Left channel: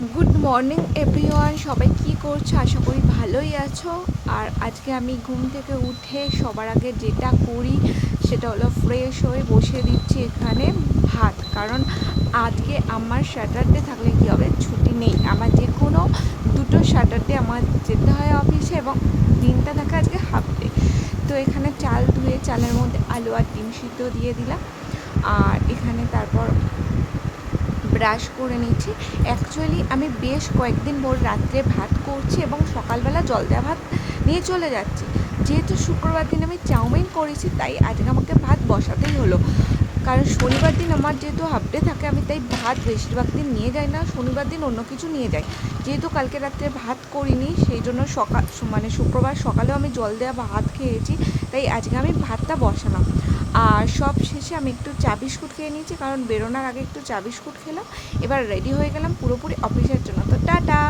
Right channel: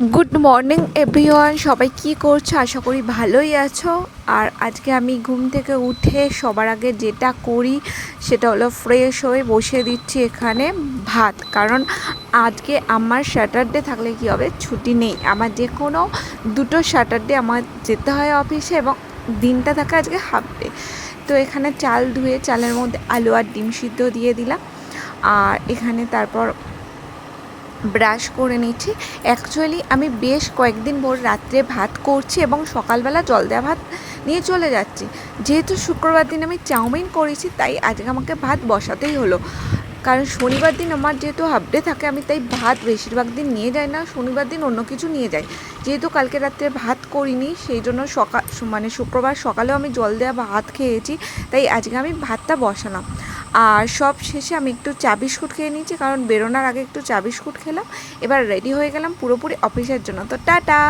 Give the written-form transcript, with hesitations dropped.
Good morning everyone, সবাই কি করছো? আশা করি ভালোই আছো। আর আজকে আমি ঘুম থেকে উঠে সবার আগে যেটা করি সেটা হলো ফ্রেশ হয়ে বসিয়ে দিচ্ছি এখানে ভাত। কারণ আজকে আমার স্যাটারডে থাকলে কি হবে, ছুটি নেই আমার, যে কোনো দুটো স্যাটারডে আমার যেতে হয় অফিসে এবং দিনটা থাকে আজকে হাফ ডে। তো এখানে চাল ধুয়ে চালের মধ্যে আলু আর ডিম সিদ্ধ দিয়ে দিলাম। আর এখানে তারপর ব্রাশ করে নিচ্ছি। অ্যাকচুয়ালি আমি বেশ কয়েকদিন ভোর রাত্রে ভাত করছি এবং সকালবেলা জল দেওয়া ভাত নিয়ে চলে যাচ্ছি। যেহেতু শুক্রবার দিন আমি চাউমিন করেছি, তাই আজকে আমাকে ভাত বসাতেই হলো। কারণ শনিবার দিন আমার যেহেতু হাফ ডে থাকে, আমি তাই ভাত বেশিরভাগ দিন নিয়ে যাই না, শনিবার দিন অন্য কিছু নিয়ে যাই। যেহেতু কালকে রাত্রে ভাত করিনি, সেই জন্য শুক্রবার সকালেও আমি জল দেওয়া ভাত খেয়েছি, তাই আজকে আমি ভাতটা বসালাম। আর সব শেষে আমি একটু চা বিস্কুট খেয়ে নিয়েছি, কারণ বেরোনোর আগে একটু চা বিস্কুট খেলাম। এবার রেডি হয়ে গেলাম পুরোপুরি অফিসের জন্য। তো টাটা।